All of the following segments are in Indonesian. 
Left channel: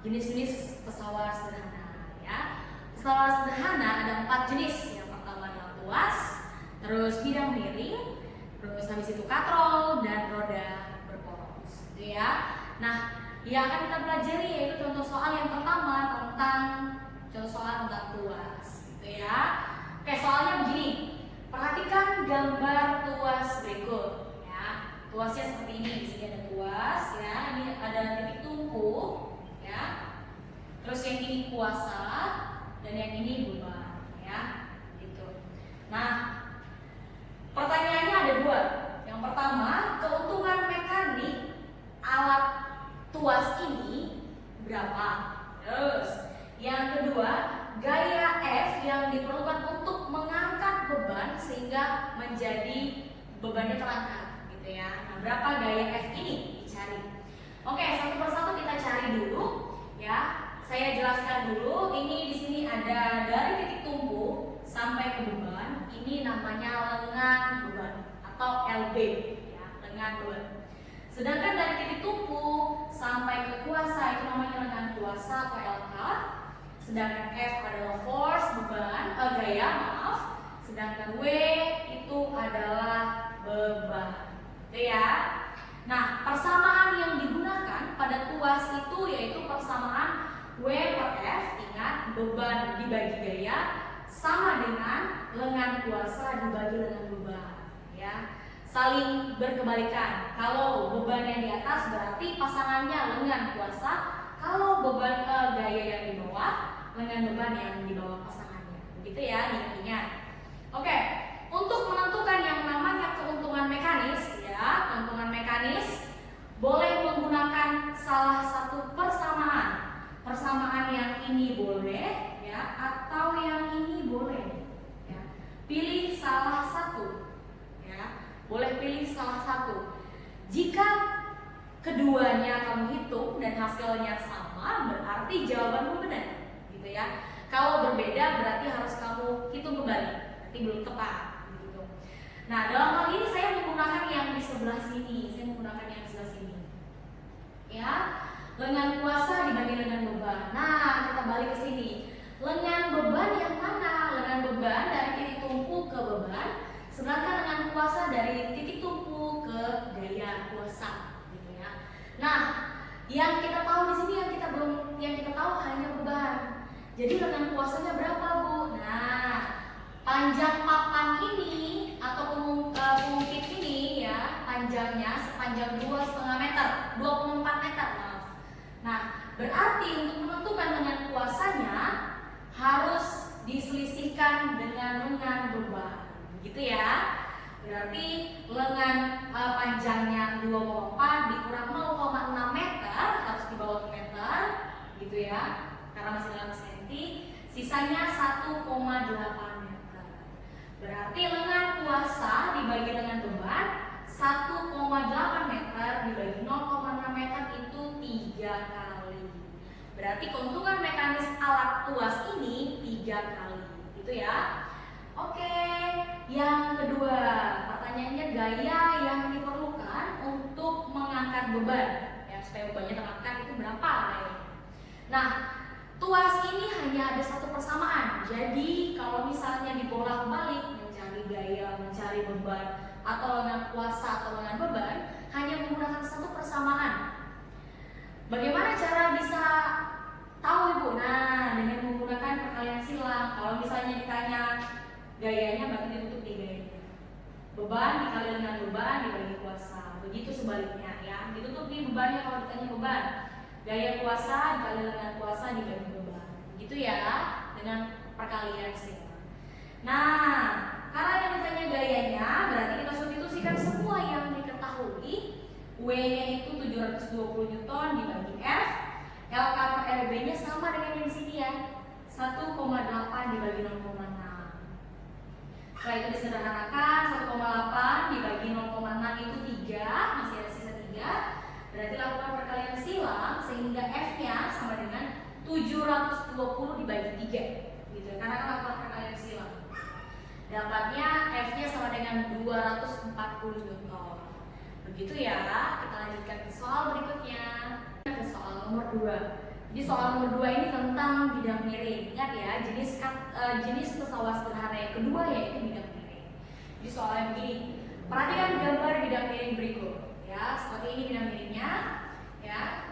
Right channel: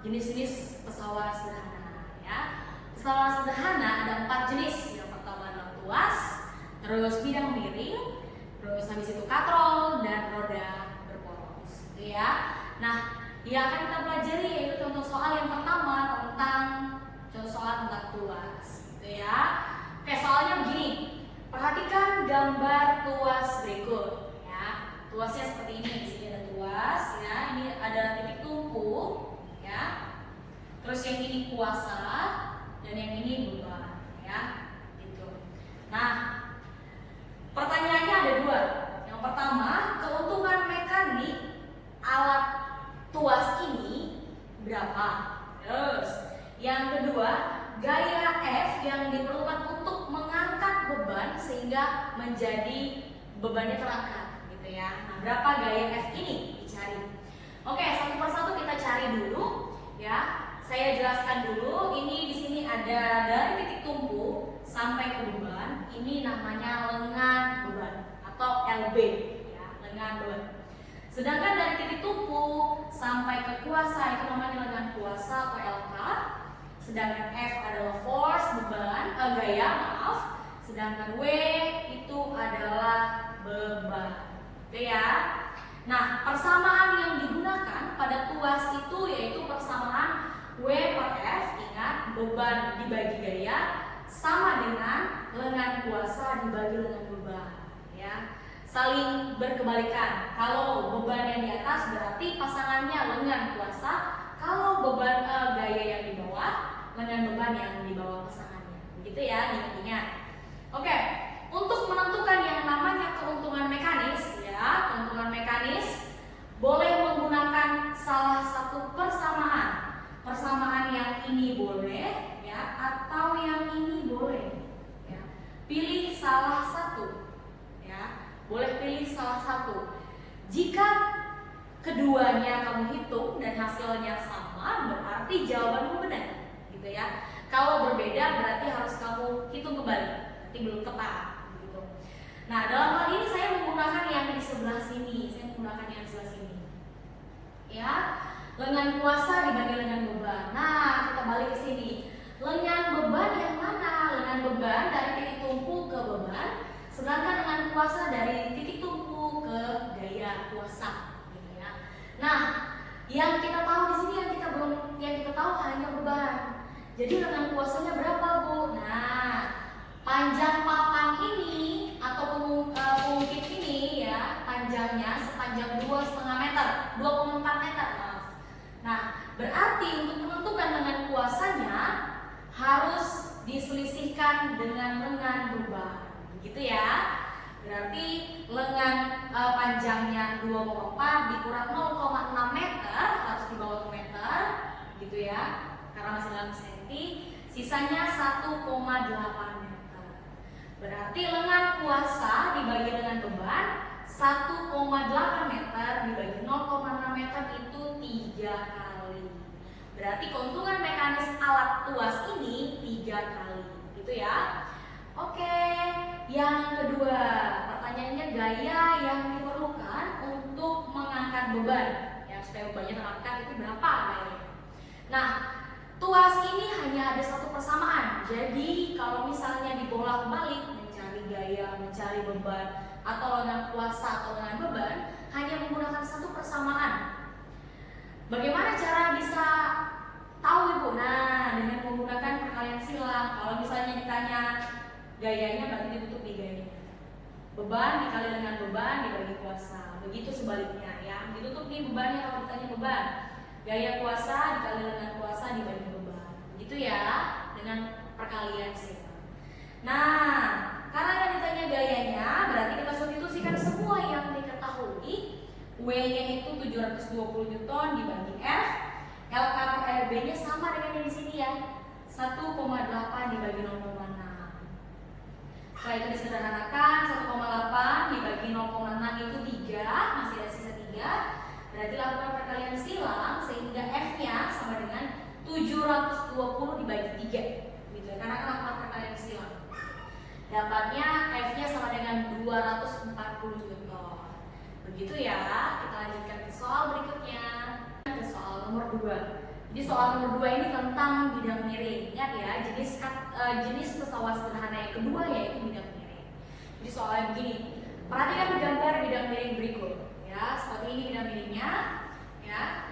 jenis-jenis pesawat sederhana ya. Pesawat sederhana ada 4 jenis. Yang pertama adalah tuas, terus bidang miring, terus habis itu katrol dan roda berporos gitu ya. Nah, yang akan kita pelajari yaitu contoh soal yang pertama tentang tuas gitu ya. Oke, soalnya begini. Perhatikan gambar tuas berikut ya. Tuasnya seperti ini. Di sini ada tuas ya. Ini ada titik tumpu ya. Terus yang ini kuasa dan yang ini beban ya. Gitu. Nah, pertanyaannya ada 2. Yang pertama, keuntungan mekanik alat tuas ini berapa? Terus, yang kedua, gaya F yang diperlukan untuk mengangkat beban sehingga menjadi bebannya terangkat, gitu ya. Nah, berapa gaya F ini dicari? Oke, satu persatu kita cari dulu, ya. Saya jelaskan dulu. Ini di sini ada dari titik tumpu sampai ke beban. Ini namanya lengan beban atau LB, ya, lengan beban. Sedangkan dari titik tumpu sampai ke kuasa itu namanya lengan kuasa atau LK. Sedangkan F adalah force beban, gaya maaf. Sedangkan W itu adalah beban, gitu ya. Nah, persamaan yang digunakan pada tuas itu yaitu persamaan W per F. Ingat, beban dibagi gaya sama dengan lengan kuasa dibagi lengan beban, ya. Saling berkebalikan. Kalau beban yang di atas berarti pasangannya lengan kuasa. Kalau beban gaya yang di bawah, lengan beban yang di bawah pasangannya. Begitu ya, ingat-ingat. Oke, untuk menentukan yang namanya keuntungan mekanis, ya, keuntungan mekanis boleh menggunakan salah satu persamaan. Persamaan yang ini boleh, ya, atau yang ini boleh. Ya. Pilih salah satu, ya. Boleh pilih salah satu. Jika keduanya kamu hitung dan hasilnya sama, berarti jawabanmu benar, gitu ya. Kalau berbeda berarti harus kamu hitung kembali, berarti belum tepat, gitu. Nah, dalam hal ini saya menggunakan yang di sebelah sini, ya. Lengan kuasa dibagi lengan beban. Nah, kita balik ke sini. Lengan beban yang mana? Lengan beban dari titik tumpu ke beban, sedangkan lengan kuasa dari titik tumpu ke gaya kuasa, gitu ya. Nah, yang kita tahu di sini yang kita tahu hanya beban. Jadi lengan kuasanya berapa, Bu? Nah, panjang papan ini atau pengukit ini ya, panjangnya sepanjang 2,5 meter, 24 meter. Nah, berarti untuk menentukan lengan kuasanya harus diselisihkan dengan lengan beban, gitu ya. Berarti lengan panjangnya 2,4 dikurang 0,6 meter, harus di bawah meter, gitu ya. Karena masih dalam senti, sisanya 1,8 meter. Berarti lengan kuasa dibagi lengan beban 1,8 meter dibagi 0,6 meter itu 3 kali. Berarti keuntungan mekanis alat tuas ini 3 kali, gitu ya. Oke, yang kedua, pertanyaannya gaya yang diperlukan untuk mengangkat beban, ya, supaya bebannya terangkat itu berapa gayanya. Nah, tuas ini hanya ada satu persamaan. Jadi kalau misalnya dibolak-balik mencari gaya, mencari beban, atau lengan kuasa atau lengan beban, hanya menggunakan satu persamaan. Bagaimana cara bisa tahu, Ibu? Nah, dengan menggunakan perkalian silang. Kalau misalnya ditanya gayanya, berarti ditutup di gayanya. Beban dikali dengan beban dibagi kuasa. Begitu sebaliknya, ya. Ditutup di bebannya kalau ditanya beban. Gaya kuasa dikali lengan kuasa dibagi beban. Begitu ya, dengan perkalian silang. Nah, karena yang ditanya gayanya, berarti kita substitusikan semua yang diketahui. W-nya itu 720 Newton dibagi F. LK per LB-nya sama dengan yang di sini ya, 1,8 dibagi 0,6. Setelah itu disederhanakan, 1,8 dibagi 0,6 itu 3, masih ada sisa 3. Berarti lakukan perkalian silang sehingga F-nya sama dengan 720 dibagi 3, gitu. Karena kan lakukan perkalian silang. Dapatnya F-nya sama dengan 240 Newton. Begitu ya. Kita lanjutkan ke soal berikutnya. Ke soal nomor 2. Jadi soal nomor 2 ini tentang bidang miring. Ingat ya, jenis pesawat sederhana yang kedua yaitu bidang miring. Jadi soalnya begini, perhatikan gambar bidang miring berikut. Ya, seperti ini bidang miringnya. Ya,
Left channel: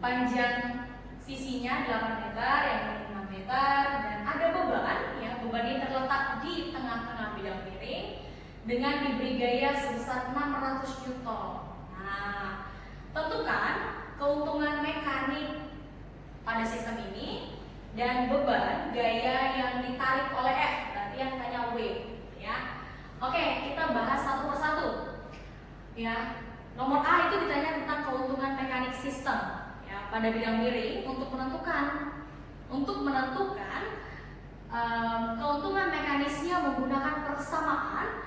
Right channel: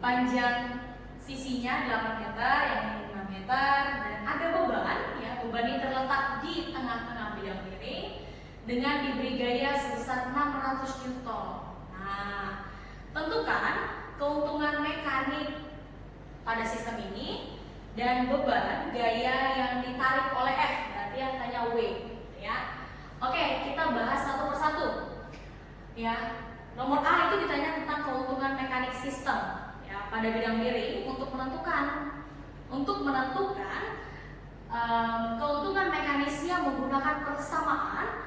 panjang sisinya 8 meter, yang ini 6 meter, dan ada beban. Ya, beban ini terletak di tengah-tengah bidang miring dengan diberi gaya sebesar 600 Newton. Nah, tentukan keuntungan mekanik pada sistem ini dan beban gaya yang ditarik oleh F, berarti yang tanya W, ya. Oke, kita bahas satu persatu. Ya, nomor A itu ditanya tentang keuntungan mekanik sistem, ya, pada bidang miring untuk menentukan keuntungan mekanisnya menggunakan persamaan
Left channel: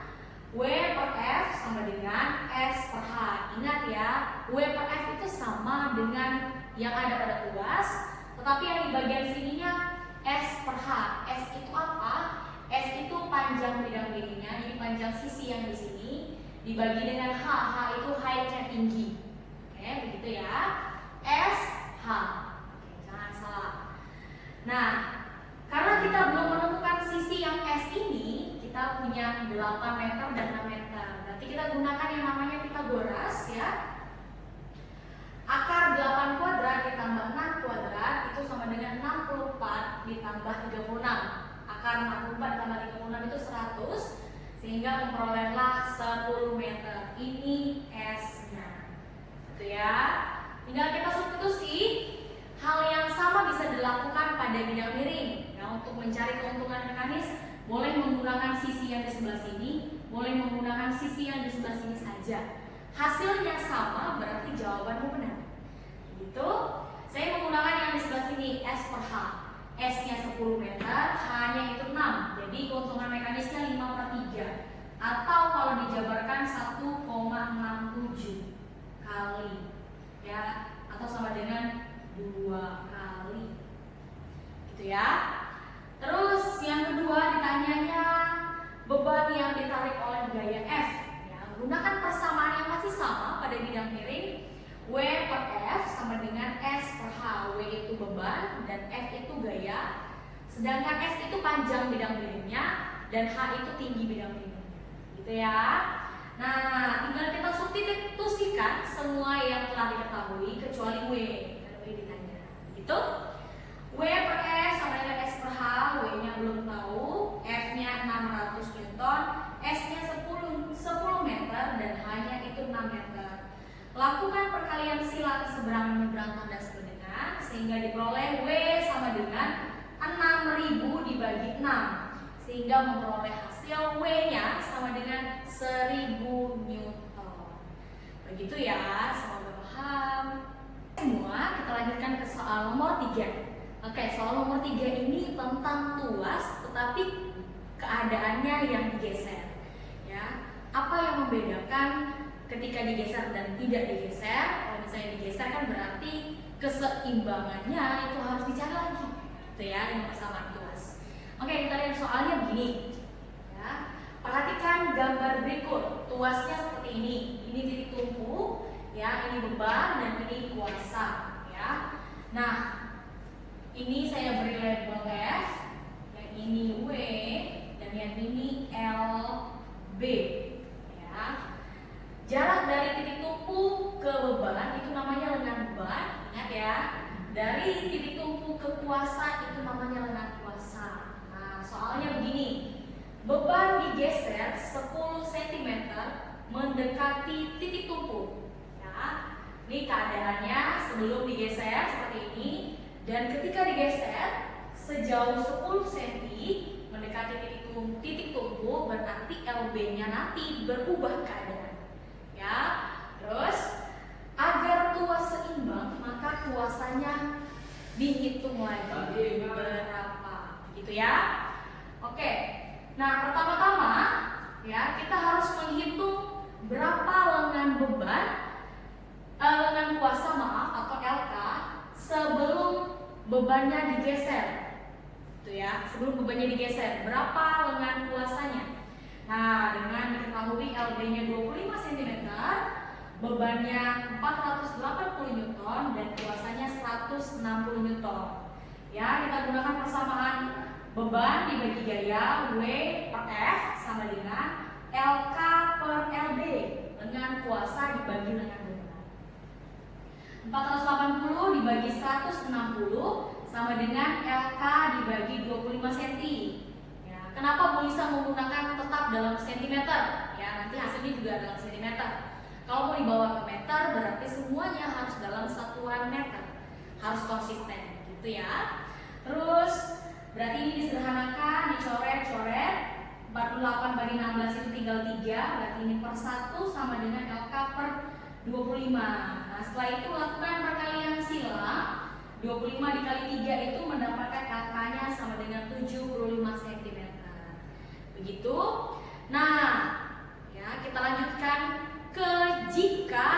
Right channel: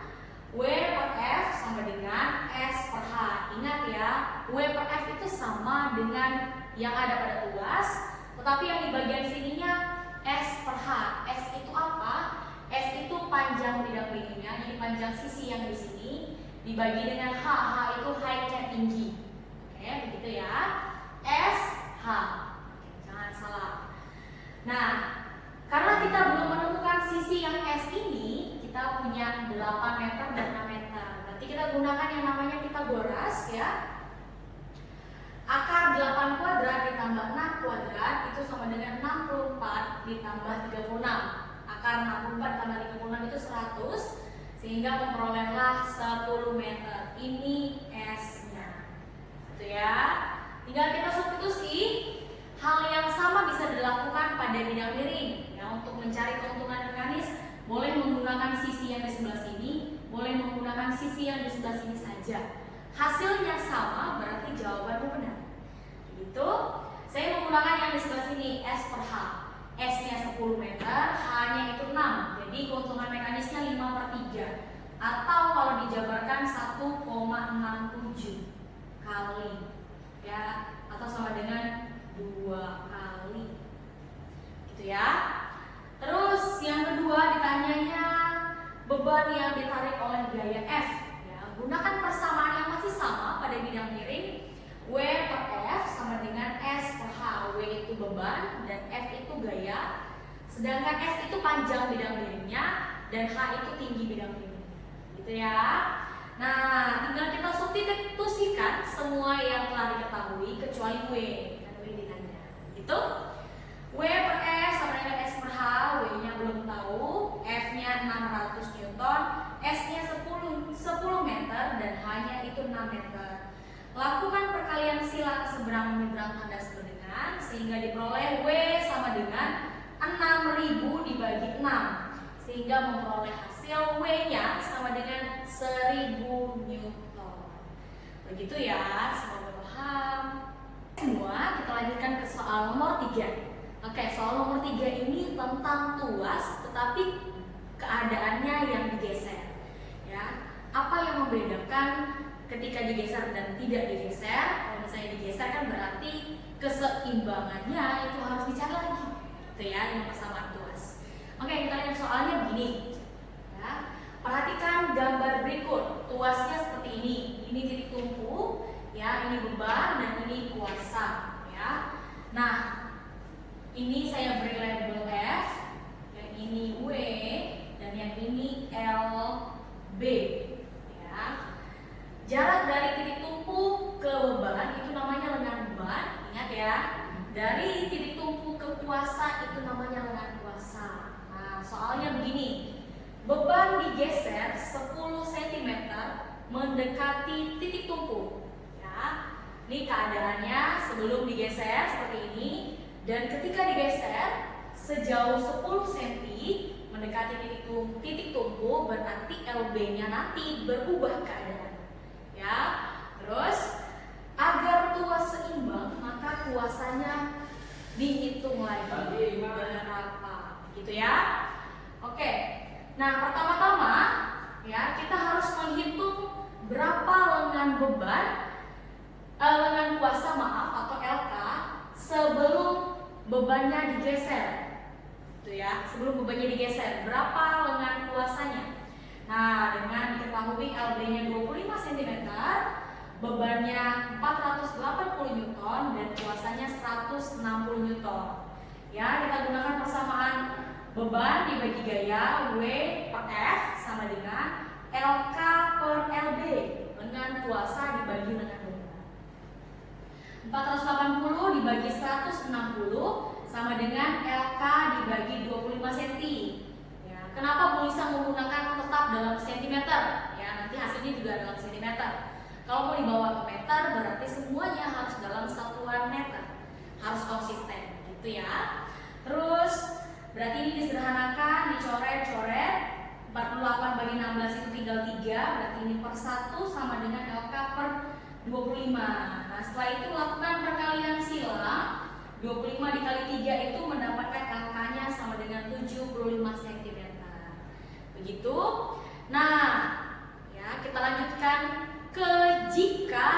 W per F sama dengan S per H. Ingat ya, W per F itu sama dengan yang ada pada tuas, tetapi yang di bagian sininya S per H. S itu apa? S itu panjang bidang miringnya, jadi panjang sisi yang di sini dibagi dengan H. H itu height-nya tinggi. Oke, begitu ya. S H. Oke, jangan salah. Nah, karena kita belum menemukan sisi yang S ini, kita punya 8 meter dan 6 meter. Berarti kita gunakan yang namanya Pythagoras ya. Akar 8 kuadrat ditambah 6 kuadrat itu sama dengan 64 ditambah 36. Akar 64 ditambah 36 itu 100, sehingga memperolehlah 10 meter. Ini S-nya. Gitu ya. Tinggal kita substitusi. Hal yang sama bisa dilakukan pada bidang miring. Ya, untuk mencari keuntungan mekanis, boleh menggunakan sisi yang di sebelah sini, boleh menggunakan sisi yang di sebelah sini saja. Hasilnya sama, berarti jawabanmu benar. Gitu. Saya menggunakan yang di sebelah sini, S per H. S-nya 10 meter, H-nya itu 6. Jadi keuntungan mekanisnya 5 per 3. Atau kalau dijabarkan 1,67 kali. Ya, atau sama dengan 2 kali. Gitu ya. Terus yang kedua ditanyanya beban yang ditarik oleh gaya F. Ya, gunakan persamaan yang masih sama pada bidang miring. W per F sama dengan S per H. W itu beban dan F itu gaya. Sedangkan S itu panjang bidang miringnya dan H itu tinggi bidang miringnya. Gitu ya. Nah, tinggal kita substitusikan semua yang telah diketahui kecuali W. Dan W ditanya. Gitu. W per S sama dengan S per H. W-nya belum tahu. F-nya 600 Newton. S-nya 10 meter dan H-nya itu 6 meter. Lakukan perkalian sila keseberangan menyeberang tanda sebenarnya sehingga diperoleh W sama dengan 6.000 dibagi 6 sehingga memperoleh hasil W-nya sama dengan 1000 Newton. Begitu ya, semoga paham. Semua kita lanjutkan ke soal nomor 3. Oke, soal nomor 3 ini tentang tuas tetapi keadaannya yang digeser. Ya, apa yang membedakan ketika digeser dan tidak digeser? Kalau misalnya digeser kan berarti keseimbangannya itu harus dicari lagi, gitu ya, yang persamaan tuas. Oke, kita lihat soalnya begini. Ya, perhatikan gambar berikut. Tuasnya seperti ini. Ini titik tumpu, ya, ini beban dan ini kuasa. Ya, nah ini saya beri label F, yang ini W dan yang ini LB. Jarak dari titik tumpu ke beban itu namanya lengan beban. Ingat ya, dari titik tumpu ke kuasa itu namanya lengan kuasa. Nah, soalnya begini, beban digeser 10 cm mendekati titik tumpu. Ya, ini keadaannya sebelum digeser seperti ini, dan ketika digeser sejauh 10 cm mendekati titik tumpu, berarti LB-nya nanti berubah keadaan. Ya, terus agar tuas seimbang maka kuasanya dihitung lagi berapa, gitu ya. Oke, nah pertama-tama ya kita harus menghitung berapa lengan kuasa atau LK sebelum bebannya digeser, gitu ya. Sebelum bebannya digeser berapa lengan kuasanya? Nah, dengan diketahui LB-nya 25 cm, bebannya 480 Newton dan kuasanya 160 Newton. Ya, kita gunakan persamaan beban dibagi gaya W per F sama dengan LK per LB dengan kuasa dibagi dengan beban. 480 dibagi 160 sama dengan LK dibagi 25 cm. Ya, kenapa Bu Lisa menggunakan tetap dalam sentimeter? Ya, nanti hasilnya juga dalam sentimeter. Kalau mau dibawa ke meter berarti semuanya harus dalam satuan meter. Harus konsisten gitu ya. Terus berarti ini disederhanakan, dicoret-coret. 48 bagi 16 itu tinggal 3, berarti ini per 1 sama dengan LK per 25. Nah, setelah itu lakukan perkalian silang. 25 dikali 3 itu mendapatkan LK-nya sama dengan 75 cm. Begitu. Nah, ya kita lanjutkan ke jika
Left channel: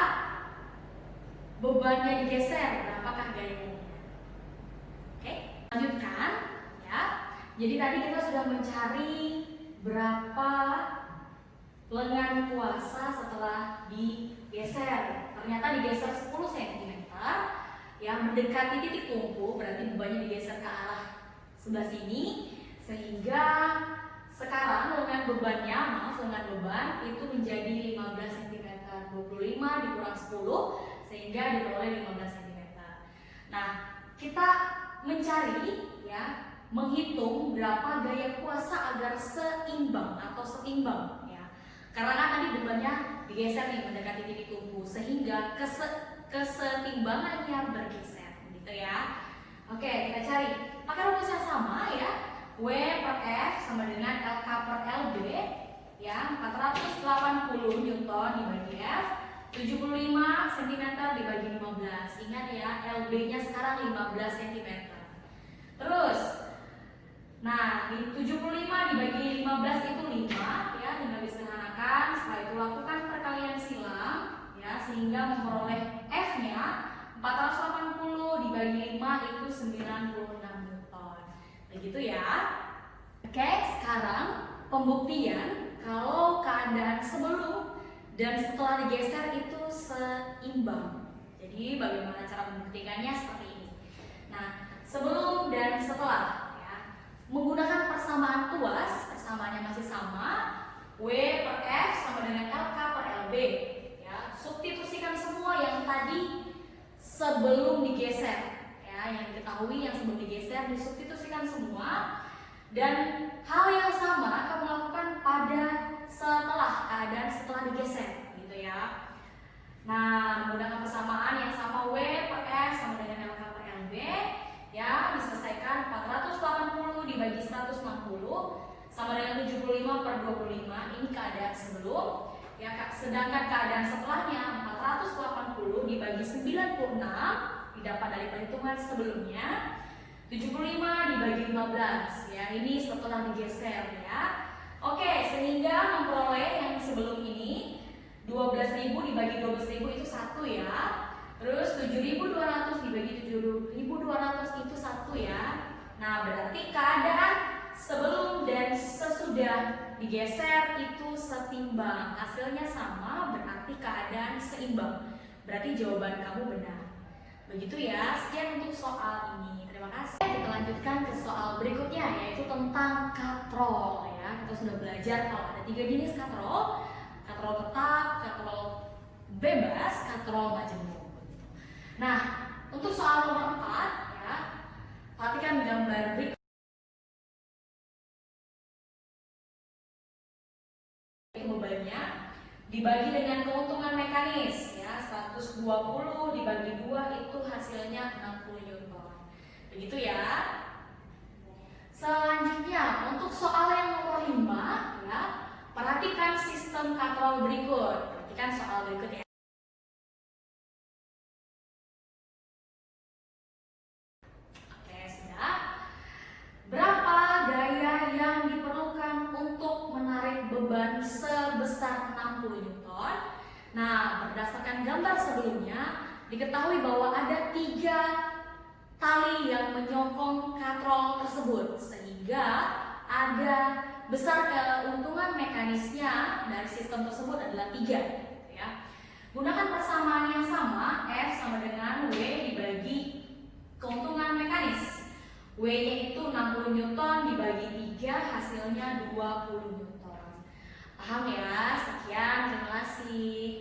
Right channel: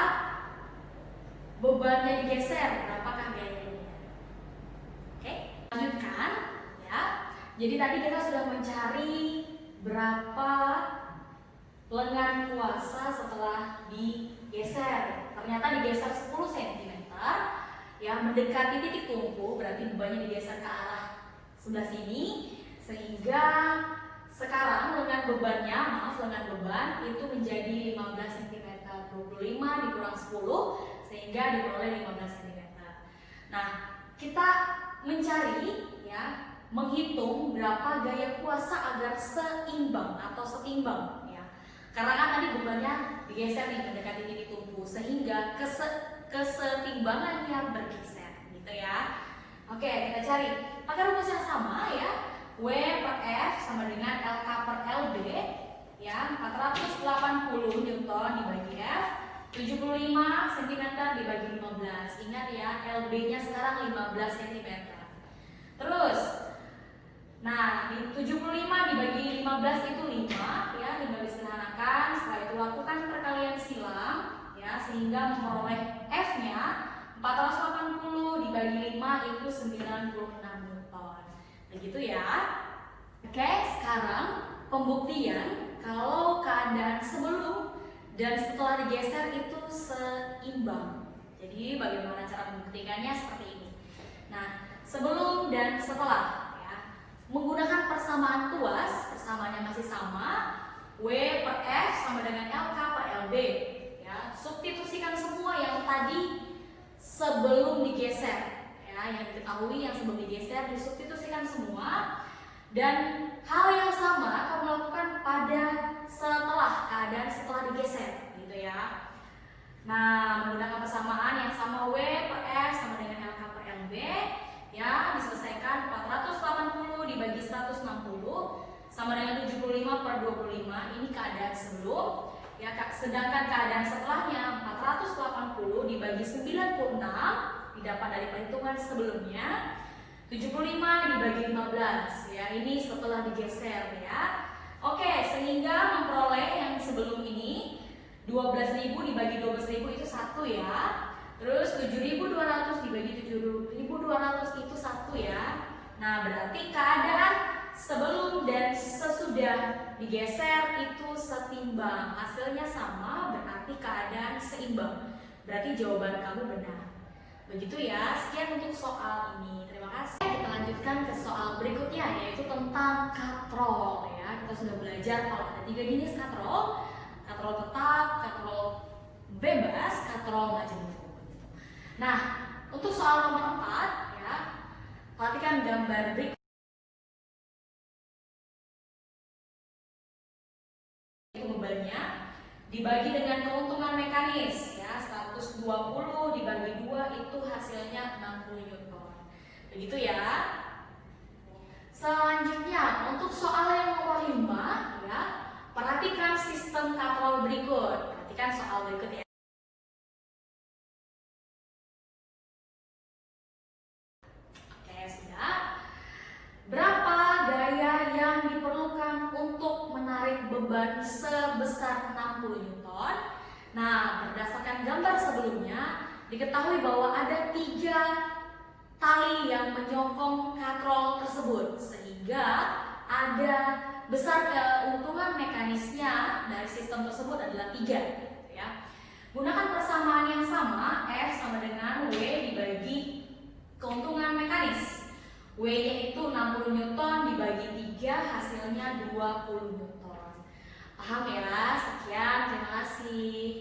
bebannya digeser, berapakah gayanya? Oke, lanjutkan ya. Jadi tadi kita sudah mencari berapa lengan kuasa setelah digeser. Ternyata digeser 10 cm ya, mendekati titik tumpu, berarti bebannya digeser ke arah sebelah sini, sehingga sekarang lengan beban itu menjadi 15 cm. 25 dikurang 10 sehingga diperoleh 15 cm. Nah, kita mencari ya, menghitung berapa gaya kuasa agar seimbang atau setimbang ya. Karena kan tadi bebannya digeser nih mendekati titik tumpu sehingga kesetimbangannya bergeser gitu ya. Oke, kita cari pakai rumus yang sama ya. W per F sama dengan LK per LB ya, 480 Newton dibagi F, 75 cm dibagi 15. Ingat ya, LB-nya sekarang 15 cm. Terus nah, 75 dibagi 15 itu 5 ya, tinggal disederhanakan. Setelah itu lakukan perkalian silang ya, sehingga memperoleh F-nya 480 dibagi 5 itu 96 Newton. Begitu ya. Oke, sekarang pembuktian kalau keadaan sebelum dan setelah digeser itu seimbang. Jadi bagaimana cara membuktikannya seperti ini. Nah, sebelum dan setelah ya, menggunakan persamaan kuas, persamaannya masih sama, W per F sama dengan LK per LB ya. Substitusikan semua yang tadi sebelum digeser ya, yang diketahui yang sebelum digeser disubstitusikan semua, dan hal yang sama kamu lakukan pada keadaan setelah digeser gitu ya. Nah, menggunakan persamaan yang sama, W per F sama dengan LK per LB ya, diselesaikan. 480 dibagi 160 sama dengan 75 per 25. Ini keadaan sebelum ya, sedangkan keadaan setelahnya 480 dibagi 96 didapat dari perhitungan sebelumnya, 75 dibagi 15 ya, ini setelah digeser ya. Oke, sehingga memperoleh yang sebelum ini 12.000 dibagi 12.000 itu 1 ya. Terus 7.200 dibagi 7.200 itu 1 ya. Nah, berarti keadaan sebelum dan sesudah digeser itu setimbang. Hasilnya sama, berarti keadaan seimbang. Berarti jawaban kamu benar. Begitu ya. Sekian untuk soal ini. Terima kasih. Kita lanjutkan ke soal berikutnya, yaitu tentang katrol ya. Kita sudah belajar kalau ada 3 jenis katrol. Katrol tetap, katrol bebas, katrol majemuk. Nah, untuk soal nomor 4 ya, perhatikan gambar berikut. Bebannya dibagi dengan keuntungan mekanis ya, 120 dibagi 2 itu hasilnya 60 Newton. Begitu ya. Selanjutnya untuk soal yang nomor 5 ya, perhatikan sistem katrol berikut. Perhatikan soal berikut ya. Oke, sudah. Berapa gaya yang diperlukan untuk menarik beban sebesar 60 Newton? Nah, berdasarkan gambar sebelumnya, diketahui bahwa ada 3 tali yang menyokong katrol tersebut, sehingga ada besar keuntungan mekanisnya dari sistem tersebut adalah 3 ya. Gunakan persamaan yang sama, F sama dengan W dibagi keuntungan mekanis. W-nya itu 60 Newton dibagi 3, hasilnya 20 Newton. Paham ya? Sekian, terima kasih.